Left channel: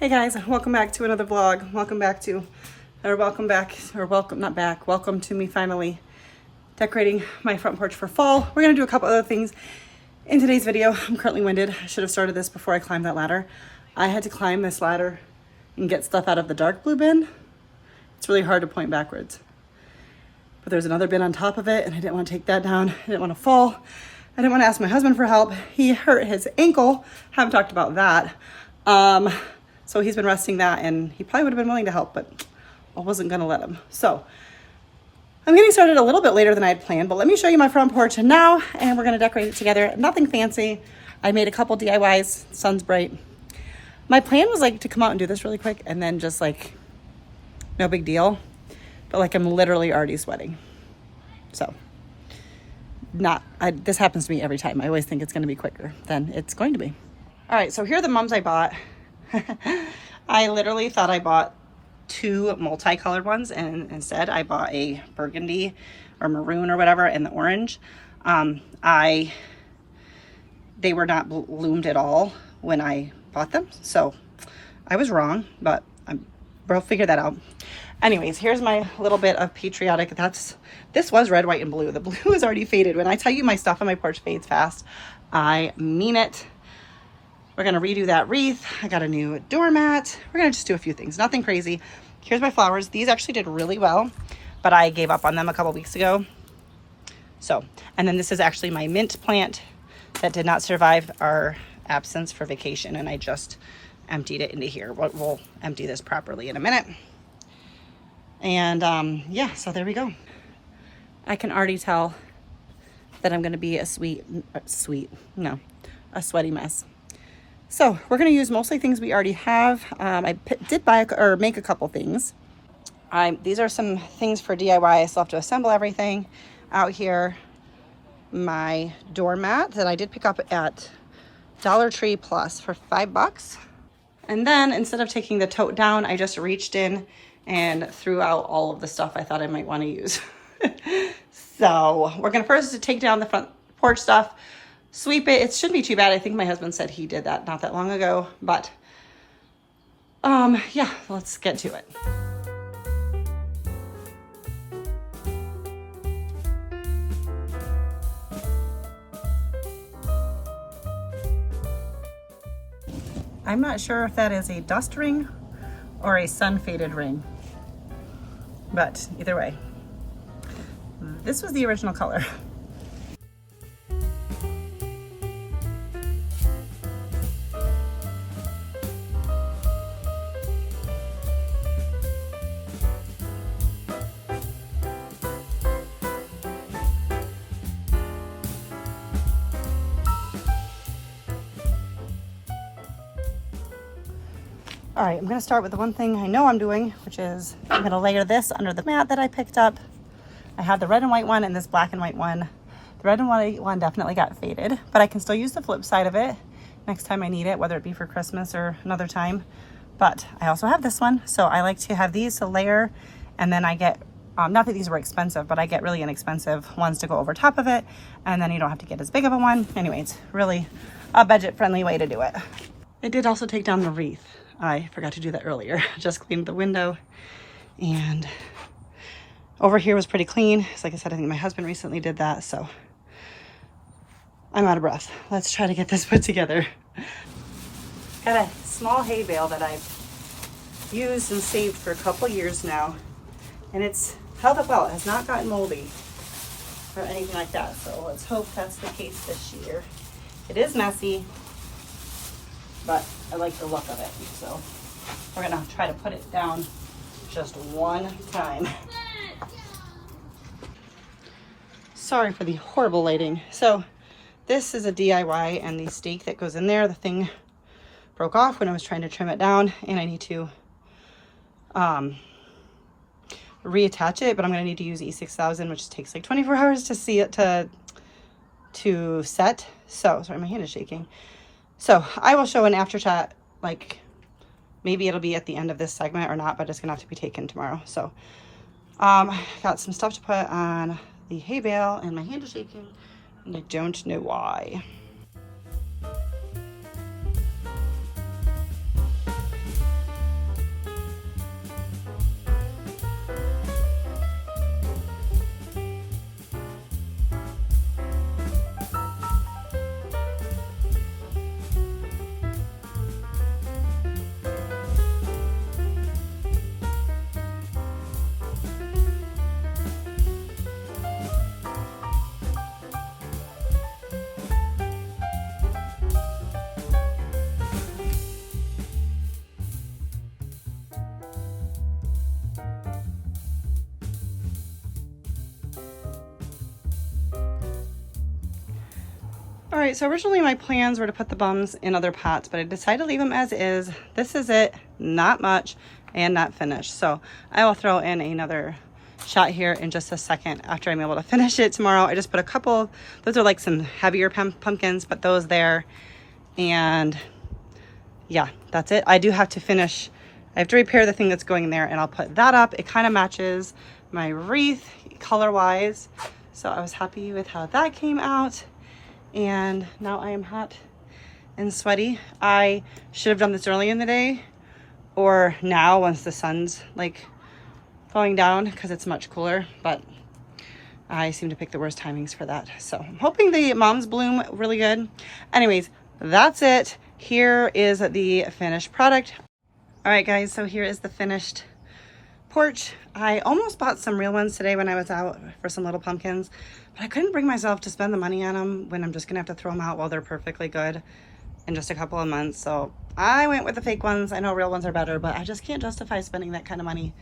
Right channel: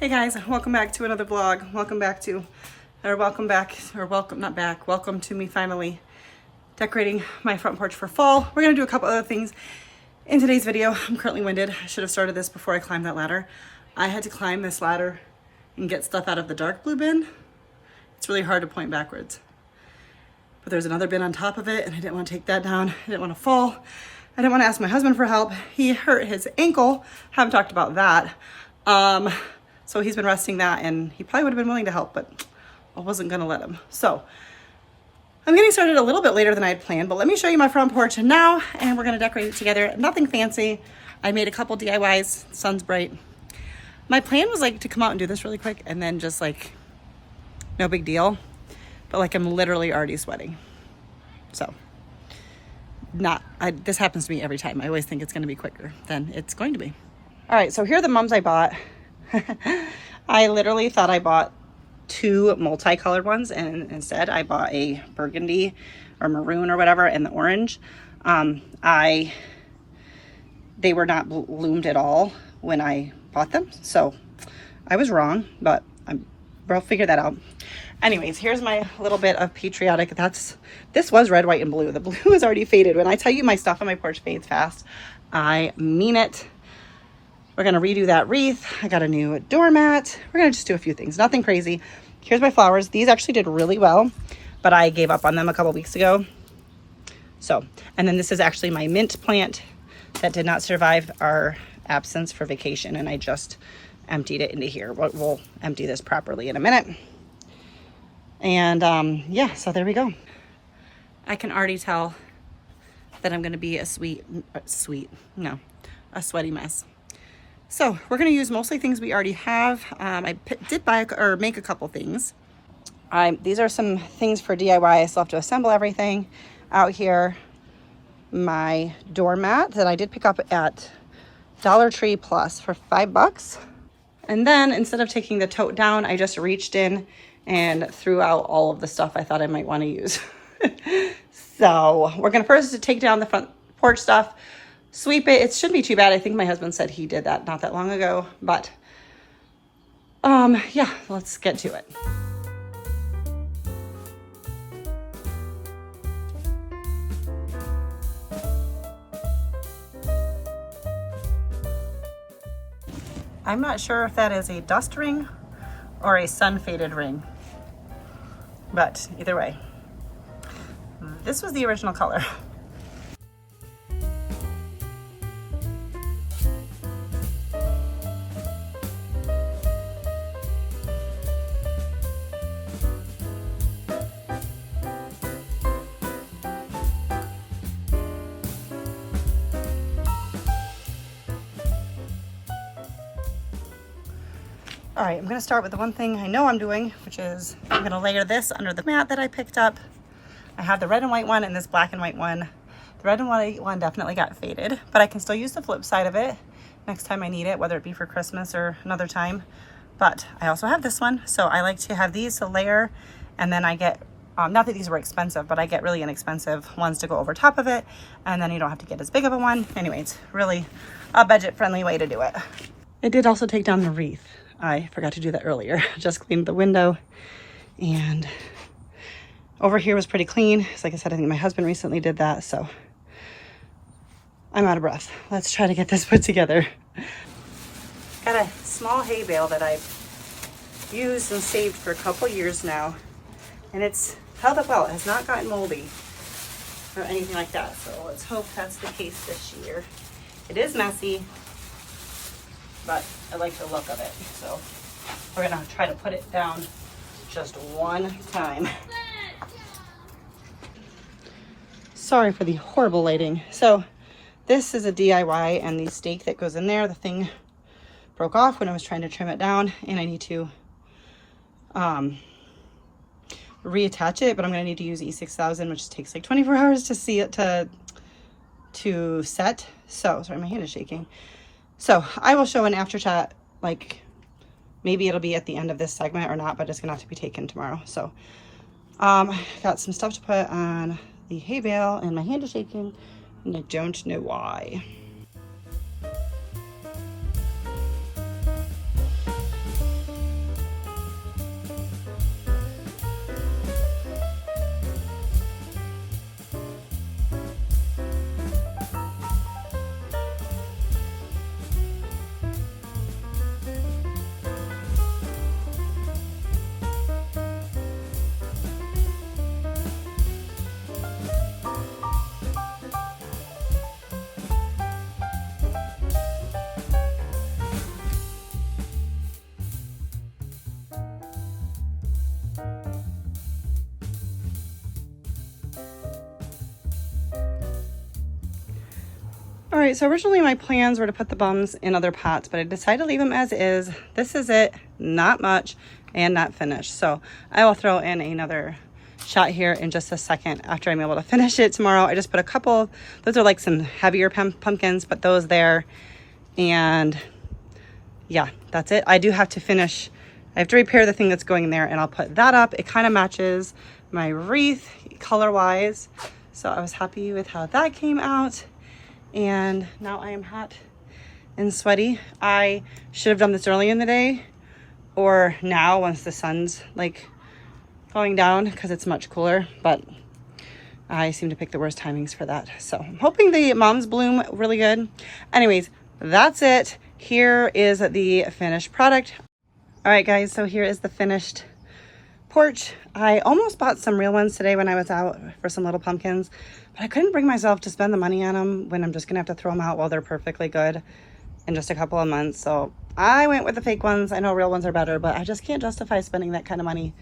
Hey guys, welcome back to another vlog. Welcome to me finally decorating my front porch for fall. We're gonna do a couple other things in today's video. I'm currently winded. I should have started this before I climbed that ladder. I had to climb this ladder and get stuff out of the dark blue bin. It's really hard to point backwards. But there's another bin on top of it and I didn't want to take that down. I didn't want to fall. I didn't want to ask my husband for help. He hurt his ankle. Haven't talked about that. So he's been resting that and he probably would have been willing to help, but I wasn't gonna let him. So I'm getting started a little bit later than I had planned, but let me show you my front porch now and we're gonna decorate it together. Nothing fancy. I made a couple DIYs, sun's bright. My plan was like to come out and do this really quick and then just like, no big deal. But like I'm literally already sweating. So this happens to me every time. I always think it's gonna be quicker than it's going to be. All right, so here are the mums I bought. I literally thought I bought two multicolored ones and instead I bought a burgundy or maroon or whatever and the orange. They were not bloomed at all when I bought them, so I was wrong, but we'll figure that out. Anyways, here's my little bit of patriotic. This was red, white, and blue. The blue is already faded. When I tell you my stuff on my porch fades fast, I mean it. We're gonna redo that wreath. I got a new doormat. We're gonna just do a few things, nothing crazy. Here's my flowers. These actually did really well, but I gave up on them a couple weeks ago. So, and then this is actually my mint plant that did not survive our absence for vacation, and I just emptied it into here. We'll empty this properly in a minute. And yeah, so there we go. I can already tell that I'm gonna be a sweaty mess. So we're going to use mostly things we already have. I did buy or make a couple things. These are some things for DIY. I still have to assemble everything out here. My doormat that I did pick up at Dollar Tree Plus for $5. And then instead of taking the tote down, I just reached in and threw out all of the stuff I thought I might want to use. So we're going to first take down the front porch stuff. Sweep it. It shouldn't be too bad. I think my husband said he did that not that long ago, but yeah, let's get to it. I'm not sure if that is a dust ring or a sun faded ring, but either way, this was the original color. All right, I'm gonna start with the one thing I know I'm doing, which is I'm gonna layer this under the mat that I picked up. I have the red and white one and this black and white one. The red and white one definitely got faded, but I can still use the flip side of it next time I need it, whether it be for Christmas or another time. But I also have this one, so I like to have these to layer, and then I get, not that these were expensive, but I get really inexpensive ones to go over top of it, and then you don't have to get as big of a one. Anyways, really a budget-friendly way to do it. I did also take down the wreath. I forgot to do that earlier. Just cleaned the window, and over here was pretty clean. So like I said, I think my husband recently did that, so I'm out of breath. Let's try to get this put together. Got a small hay bale that I've used and saved for a couple years now, and it's held up well. It has not gotten moldy or anything like that, so let's hope that's the case this year. It is messy, but I like the look of it. So we're gonna try to put it down just one time. Sorry for the horrible lighting. So this is a DIY, and the stake that goes in there, the thing broke off when I was trying to trim it down, and I need to reattach it, but I'm gonna need to use E6000, which takes like 24 hours to see it to set. So sorry, my hand is shaking. So I will show an after shot, like maybe it'll be at the end of this segment or not, but it's gonna have to be taken tomorrow. So got some stuff to put on the hay bale, and my hand is shaking and I don't know why. All right, so originally my plans were to put the bums in other pots, but I decided to leave them as is. This is it, not much and not finished. So I will throw in another shot here in just a second after I'm able to finish it tomorrow. I just put a couple, those are like some heavier pumpkins, but those there. And yeah, that's it. I do have to finish, I have to repair the thing that's going in there, and I'll put that up. It kind of matches my wreath color-wise. So I was happy with how that came out. And now I am hot and sweaty. I should have done this early in the day or now once the sun's like going down, because it's much cooler, but I seem to pick the worst timings for that. So I'm hoping the moms bloom really good. Anyways, that's it. Here is the finished product. All right, guys, so here is the finished porch. I almost bought some real ones today when I was out for some little pumpkins, but I couldn't bring myself to spend the money on them when I'm just gonna have to throw them out while they're perfectly good in just a couple of months. So I went with the fake ones. I know real ones are better, but I just can't justify spending that kind of money.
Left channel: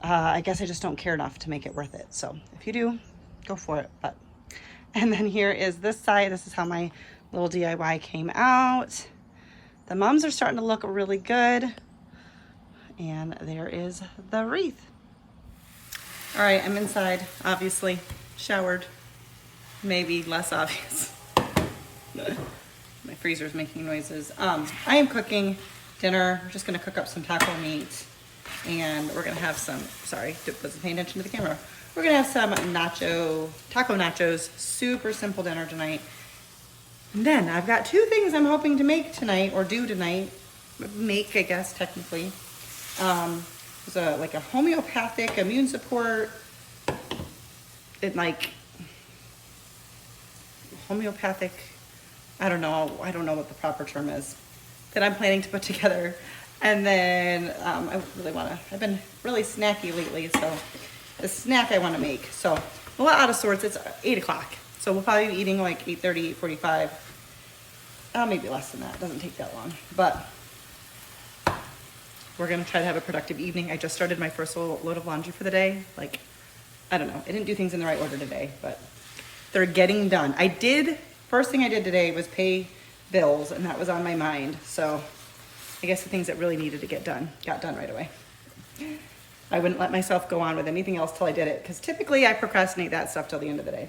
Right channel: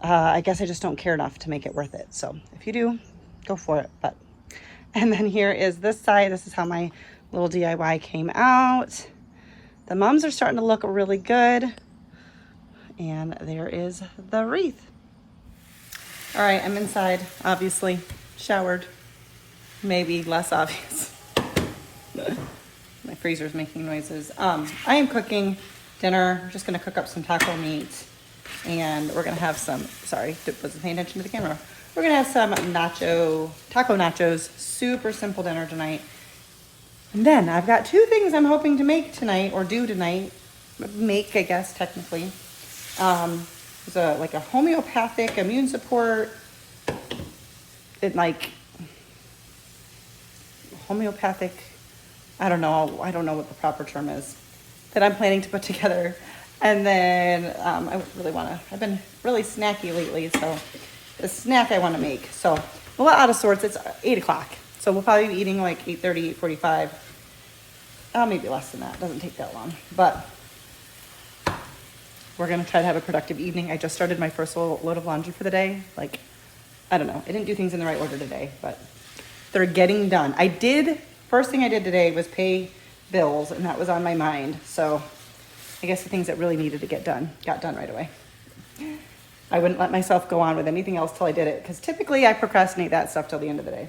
I guess I just don't care enough to make it worth it. So if you do, go for it. And then here is this side. This is how my little DIY came out. The mums are starting to look really good. And there is the wreath. All right, I'm inside, obviously, showered, maybe less obvious. My freezer's making noises. I am cooking dinner. We're just gonna cook up some taco meat, and we're gonna have some, sorry, wasn't paying attention to the camera. We're gonna have some taco nachos, super simple dinner tonight. And then I've got two things I'm hoping to make tonight, or do tonight. Make, I guess, technically. There's like a homeopathic immune support, homeopathic, I don't know what the proper term is, that I'm planning to put together. And then I've been really snacky lately, so the snack I want to make. So a lot out of sorts. It's 8 o'clock, so we'll probably be eating like 8:30, 8:45. Maybe less than that. Doesn't take that long, but we're gonna try to have a productive evening. I just started my first load of laundry for the day. Like, I don't know. I didn't do things in the right order today, but they're getting done. First thing I did today was pay bills, and that was on my mind. So I guess the things that really needed to get done, got done right away. I wouldn't let myself go on with anything else till I did it, because typically I procrastinate that stuff till the end of the day,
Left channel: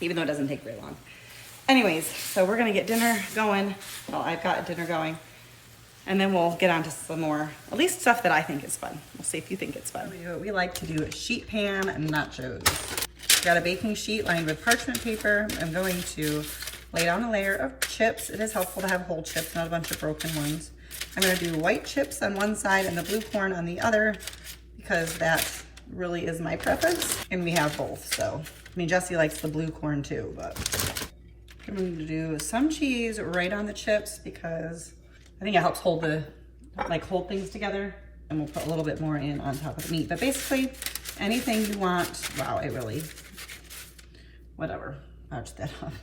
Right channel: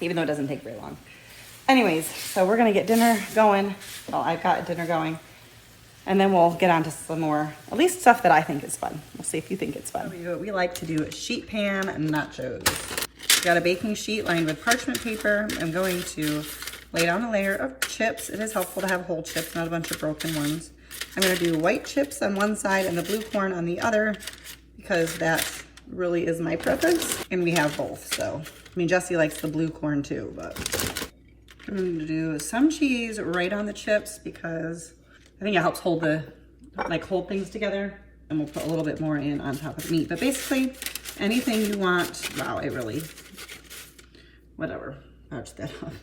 even though it doesn't take very long. Anyways, so we're gonna get dinner going. Well, I've got dinner going. And then we'll get on to some more, at least stuff that I think is fun. We'll see if you think it's fun. We like to do sheet pan nachos. Got a baking sheet lined with parchment paper. I'm going to lay down a layer of chips. It is helpful to have whole chips, not a bunch of broken ones. I'm gonna do white chips on one side and the blue corn on the other, because that really is my preference. And we have both, so. I mean, Jesse likes the blue corn too, but I'm gonna do some cheese right on the chips because I think it helps hold things together, and we'll put a little bit more in on top of the meat. But basically, anything you want, wow, whatever, ouch that off.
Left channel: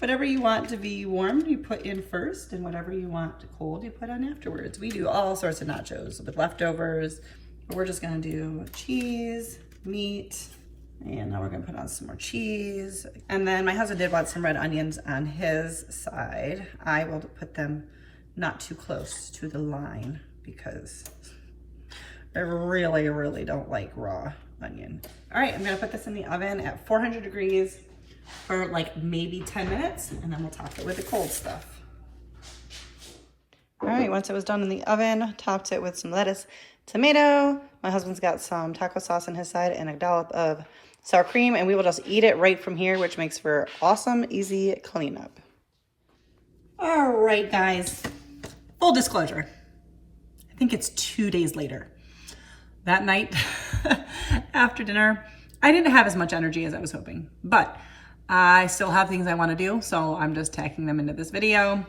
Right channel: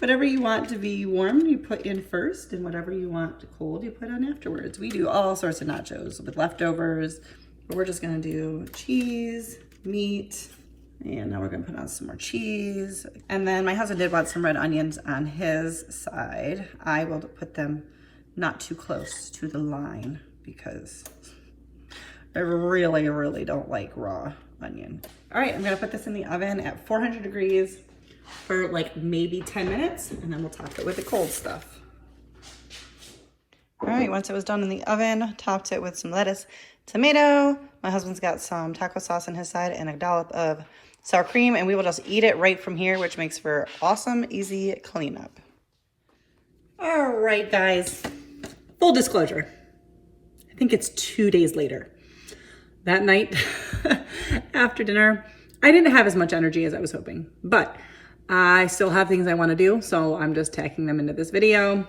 Whatever you want to be warm, you put in first, and whatever you want cold, you put on afterwards. We do all sorts of nachos with leftovers, but we're just gonna do cheese, meat, and now we're gonna put on some more cheese. And then my husband did want some red onions on his side. I will put them not too close to the line because I really, really don't like raw onion. All right, I'm gonna put this in the oven at 400 degrees for like maybe 10 minutes, and then we'll top it with the cold stuff. All right, once it was done in the oven, topped it with some lettuce, tomato. My husband's got some taco sauce on his side and a dollop of sour cream, and we will just eat it right from here, which makes for awesome, easy cleanup. All right, guys. Full disclosure, I think it's 2 days later. That night after dinner, I didn't have as much energy as I was hoping, but I still have things I want to do, so I'm just tacking them into this video. I'm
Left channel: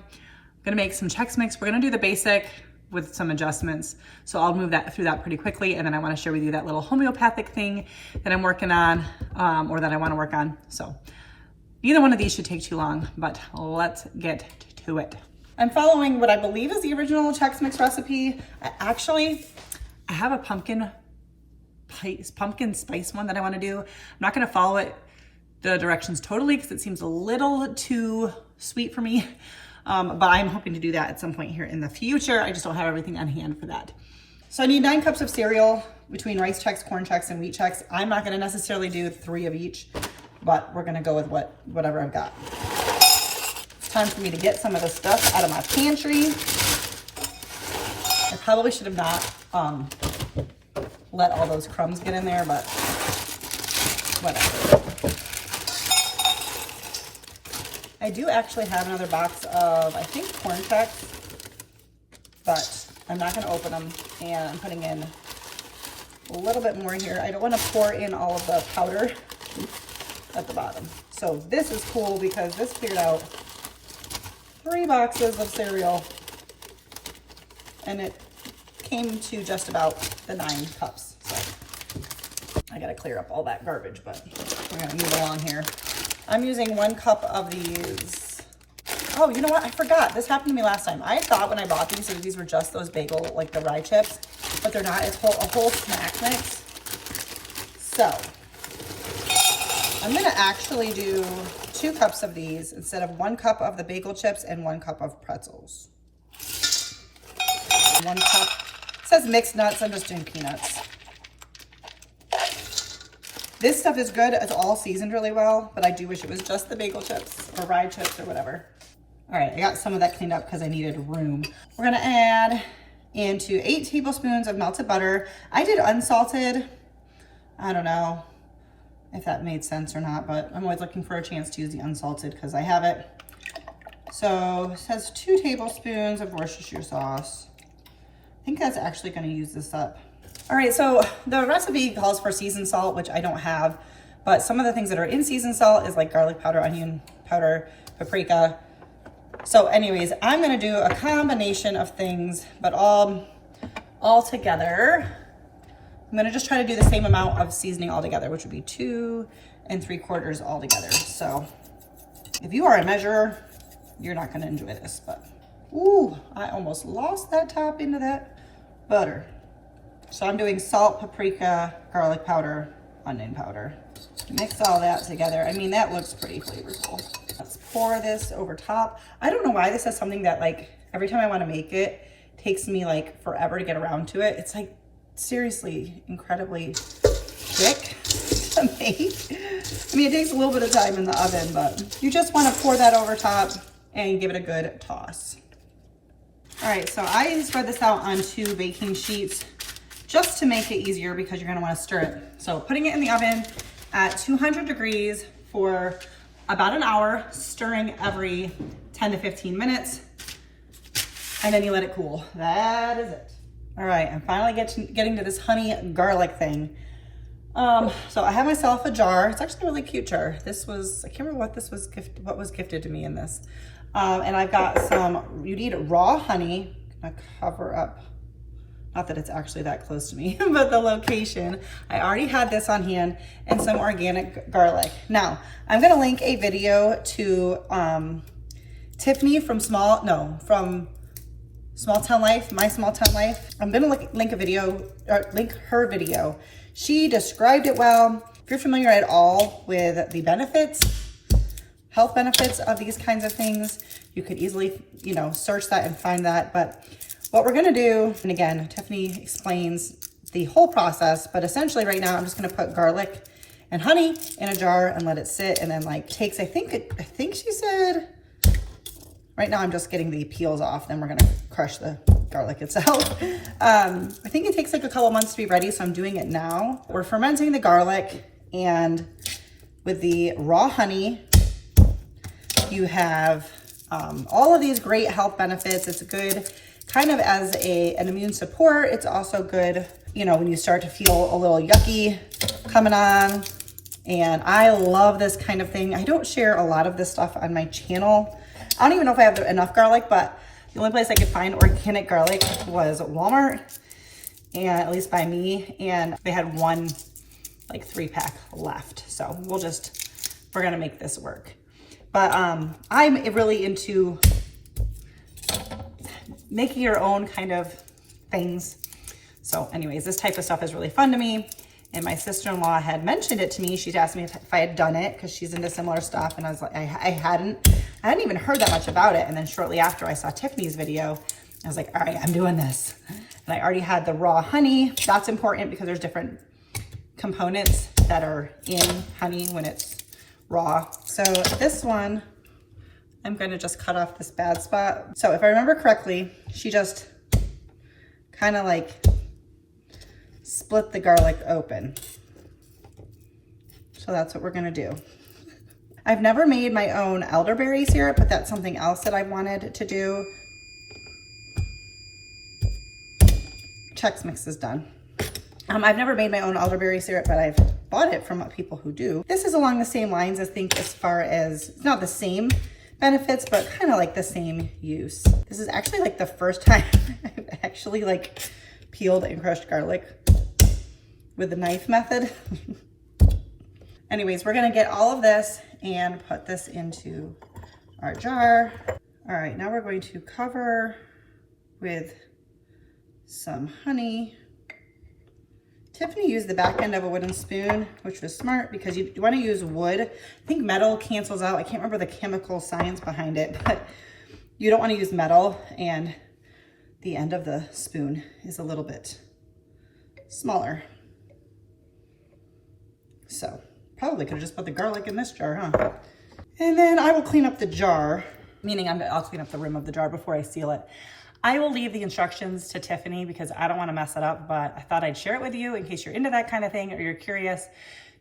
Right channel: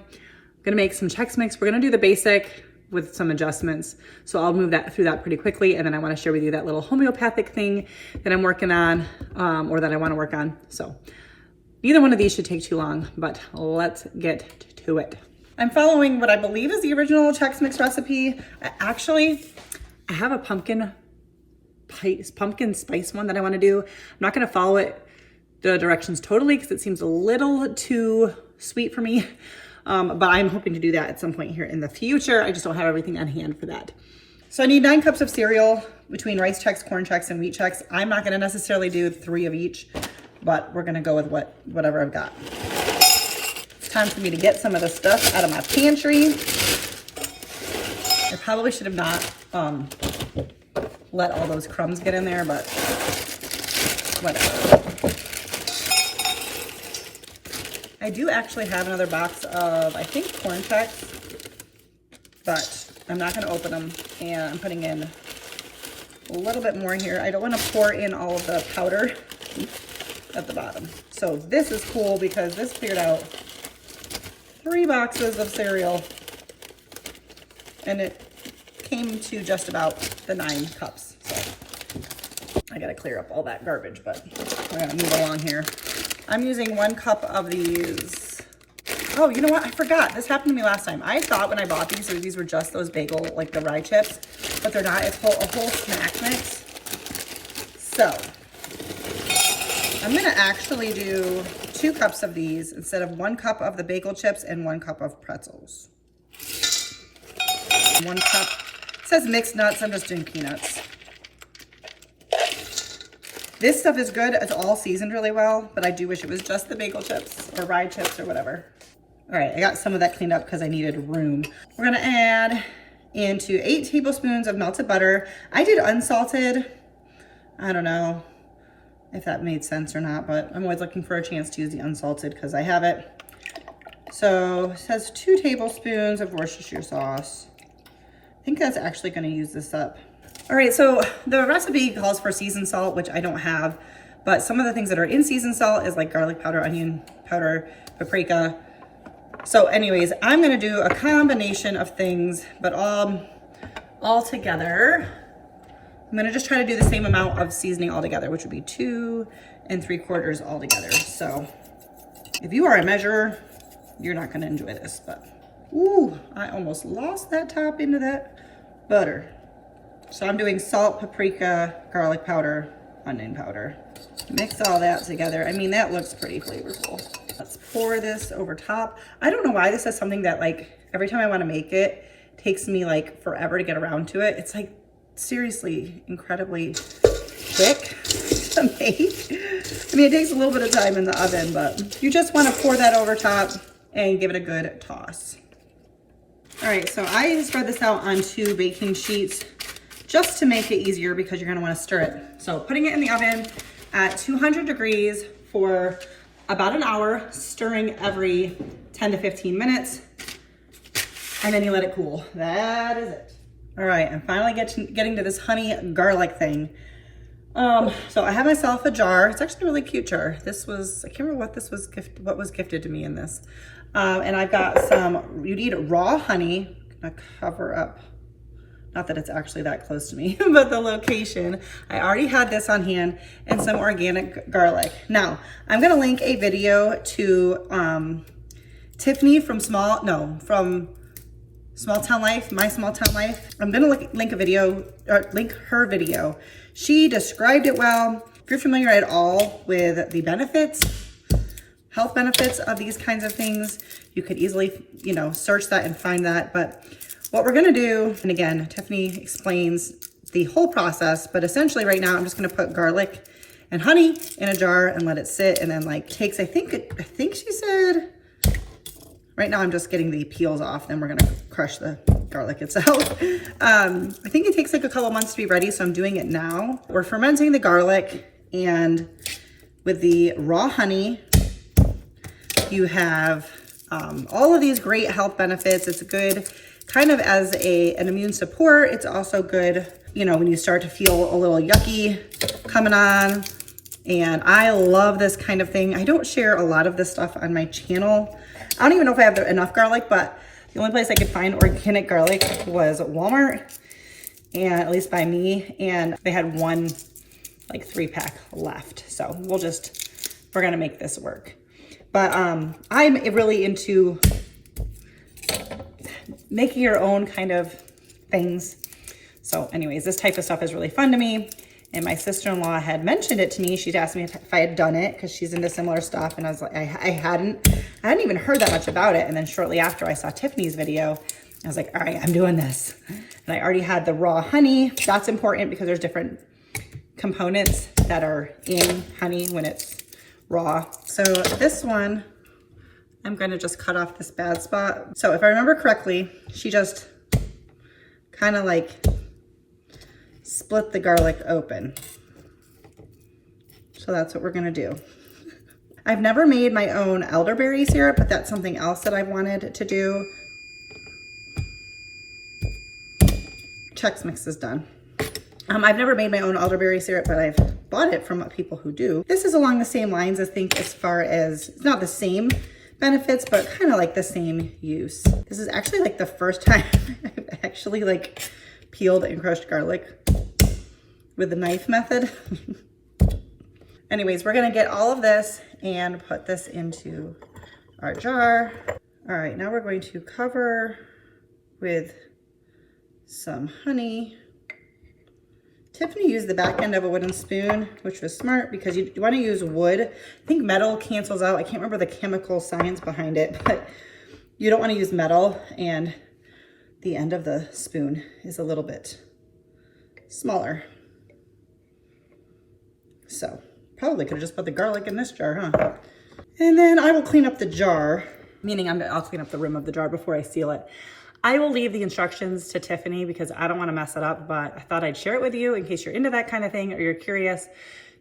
gonna make some Chex Mix. We're gonna do the basic with some adjustments, so I'll move through that pretty quickly, and then I want to share with you that little homeopathic thing that I'm working on, or that I want to work on. So neither one of these should take too long, but let's get to it. I'm following what I believe is the original Chex Mix recipe. I have a pumpkin spice one that I want to do. I'm not going to follow it the directions totally because it seems a little too sweet for me. But I'm hoping to do that at some point here in the future. I just don't have everything on hand for that. So I need 9 cups of cereal between rice Chex, corn Chex, and wheat Chex. I'm not gonna necessarily do 3 of each, but we're gonna go with whatever I've got. It's time for me to get some of the stuff out of my pantry. I probably should have not let all those crumbs get in there, but whatever. I do actually have another box of, I think, corn Chex, but I'm not gonna open them, and I'm putting in a little bit more here. I don't wanna pour in all of the powder at the bottom. So this is cool because this cleared out 3 boxes of cereal, and it came to just about the 9 cups. So I gotta clear up all that garbage, but we're gonna move along here. I'm using 1 cup of these. Oh, you know what? I forgot. This happened to me last time. I thought when I bought these that these were just those bagel, like the rye chips, but they're not. It's a whole snack mix. So I'm gonna actually do 2 cups of these instead of 1 cup of the bagel chips and 1 cup of pretzels. 1 cup. It says mixed nuts. I'm just doing peanuts. This stuff is good. It's all seasoned really well, but I do wish it was just the bagel chips or rye chips or whatever. All right, I got some of that cleaned up because I needed room. We're gonna add into 8 tablespoons of melted butter. I did unsalted. I don't know if that made sense or not, but I'm always looking for a chance to use the unsalted because I have it. So it says 2 tablespoons of Worcestershire sauce. I think that's actually gonna use this up. All right, so the recipe calls for seasoned salt, which I don't have, but some of the things that are in seasoned salt is like garlic powder, onion powder, paprika. So anyways, I'm gonna do a combination of things, but all together. I'm gonna just try to do the same amount of seasoning all together, which would be 2 3/4 all together. So if you are a measurer, you're not gonna enjoy this, but ooh, I almost lost that top into that butter. So I'm doing salt, paprika, garlic powder, onion powder. Mix all that together. I mean, that looks pretty flavorful. Let's pour this over top. I don't know why this is something that like every time I want to make it, takes me like forever to get around to it. It's like seriously incredibly quick to make. I mean, it takes a little bit of time in the oven, but you just want to pour that over top and give it a good toss. All right, so I spread this out on 2 baking sheets just to make it easier because you're gonna wanna stir it. So putting it in the oven at 200 degrees for about an hour, stirring every 10 to 15 minutes, and then you let it cool. That is it. All right, I'm finally getting to this honey garlic thing. So I have myself a jar. It's actually a really cute jar. This was, I can't remember what was gifted to me in this. And I've got some, you need raw honey. I'm gonna cover up. Not that it's actually that close to me, but the location. I already had this on hand, and some organic garlic. Now, I'm gonna link a video to Tiffany from Small Town Life, My Small Town Life. I'm gonna link her video. She described it well. If you're familiar at all with the benefits, health benefits of these kinds of things, you could easily, search that and find that. But what we're gonna do, and again, Tiffany explains the whole process, but essentially right now I'm just gonna put garlic and honey in a jar and let it sit, and then like takes, I think she said, right now I'm just getting the peels off, then we're gonna crush the garlic itself. I think it takes like a couple months to be ready, so I'm doing it now. We're fermenting the garlic, and with the raw honey, you have all of these great health benefits. It's good kind of as an immune support. It's also good, when you start to feel a little yucky coming on. And I love this kind of thing. I don't share a lot of this stuff on my channel. I don't even know if I have enough garlic, but the only place I could find organic garlic was Walmart, and at least by me, and they had one like 3-pack left. So we're gonna make this work. But I'm really into making your own kind of things. So anyways, this type of stuff is really fun to me. And my sister-in-law had mentioned it to me. She'd asked me if I had done it because she's into similar stuff. And I was like, I hadn't even heard that much about it. And then shortly after I saw Tiffany's video, I was like, all right, I'm doing this. And I already had the raw honey. That's important because there's different components that are in honey when it's raw. So this one, I'm gonna just cut off this bad spot. So if I remember correctly, she just kind of like split the garlic open. So that's what we're gonna do. I've never made my own elderberry syrup, but that's something else that I wanted to do. Chex mix is done. I've never made my own elderberry syrup, but I've bought it from people who do. This is along the same lines, I think, as far as, not the same benefits, but kind of like the same use. This is actually like the first time I've actually like peeled and crushed garlic with the knife method. Anyways, we're gonna get all of this and put this into our jar. All right, now we're going to cover with some honey. Tiffany used the back end of a wooden spoon, which was smart because you want to use wood. I think metal cancels out. I can't remember the chemical science behind it, but you don't want to use metal, and the end of the spoon is a little bit smaller. So probably could have just put the garlic in this jar, huh? And then I will clean up the jar, meaning I'll clean up the rim of the jar before I seal it. I will leave the instructions to Tiffany because I don't want to mess it up, but I thought I'd share it with you in case you're into that kind of thing or you're curious.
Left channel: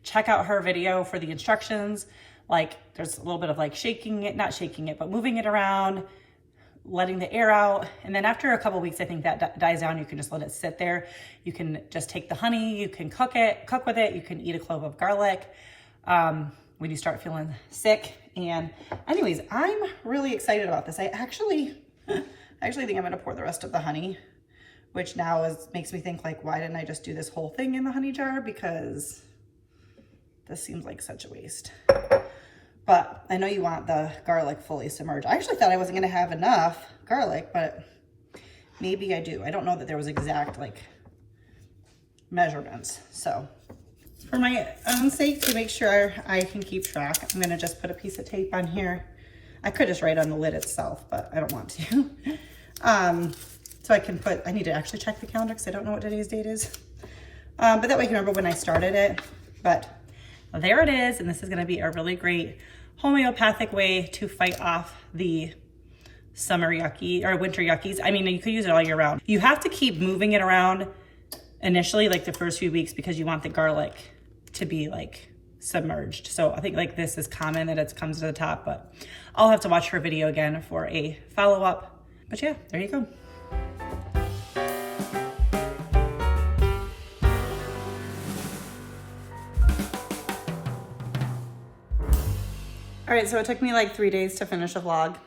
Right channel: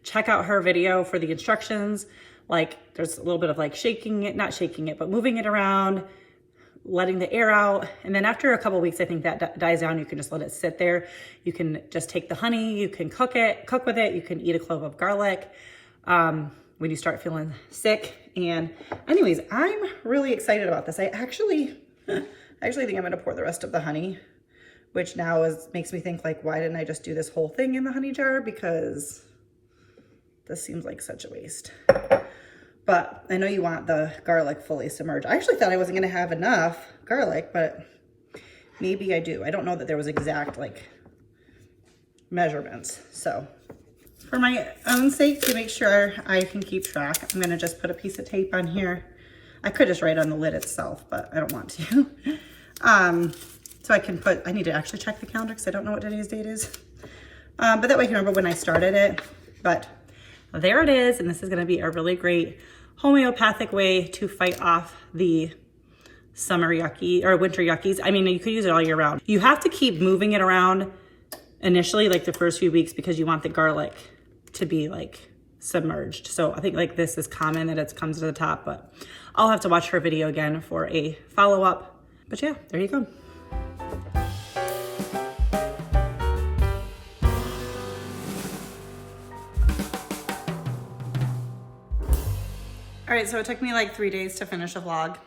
Check out her video for the instructions. Like there's a little bit of like shaking it, not shaking it, but moving it around, letting the air out. And then after a couple weeks, I think that dies down. You can just let it sit there. You can just take the honey, you can cook with it. You can eat a clove of garlic when you start feeling sick. And anyways, I'm really excited about this. I actually think I'm gonna pour the rest of the honey, which now makes me think like, why didn't I just do this whole thing in the honey jar? Because this seems like such a waste. But I know you want the garlic fully submerged. I actually thought I wasn't gonna have enough garlic, but maybe I do. I don't know that there was exact like measurements. So for my own sake, to make sure I can keep track, I'm gonna just put a piece of tape on here. I could just write on the lid itself, but I don't want to. So I need to actually check the calendar because I don't know what today's date is. But that way I can remember when I started it. But there it is. And this is gonna be a really great homeopathic way to fight off the summer yucky or winter yuckies. I mean, you could use it all year round. You have to keep moving it around initially, like the first few weeks, because you want the garlic to be like submerged. So I think like this is common that it comes to the top, but I'll have to watch her video again for a follow-up. But yeah, there you go. All right, so it took me like 3 days to finish a vlog.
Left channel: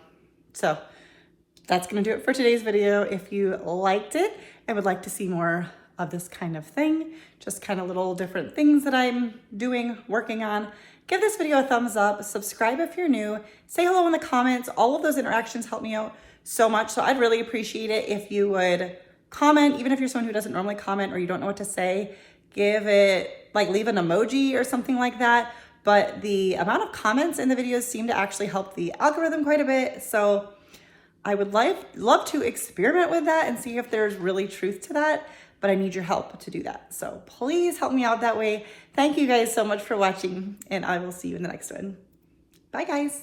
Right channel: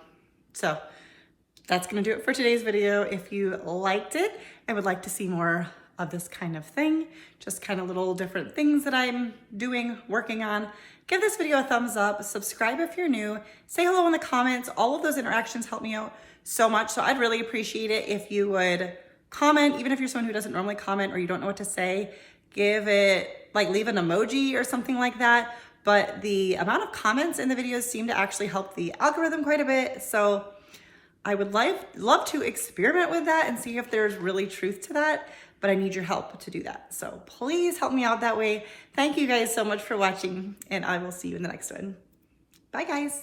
So that's gonna do it for today's video. If you liked it and would like to see more of this kind of thing, just kind of little different things that I'm doing, working on, give this video a thumbs up, subscribe if you're new, say hello in the comments. All of those interactions help me out so much. So I'd really appreciate it if you would comment, even if you're someone who doesn't normally comment or you don't know what to say, give it, like leave an emoji or something like that. But the amount of comments in the videos seem to actually help the algorithm quite a bit. So I would love to experiment with that and see if there's really truth to that, but I need your help to do that. So please help me out that way. Thank you guys so much for watching, and I will see you in the next one. Bye guys.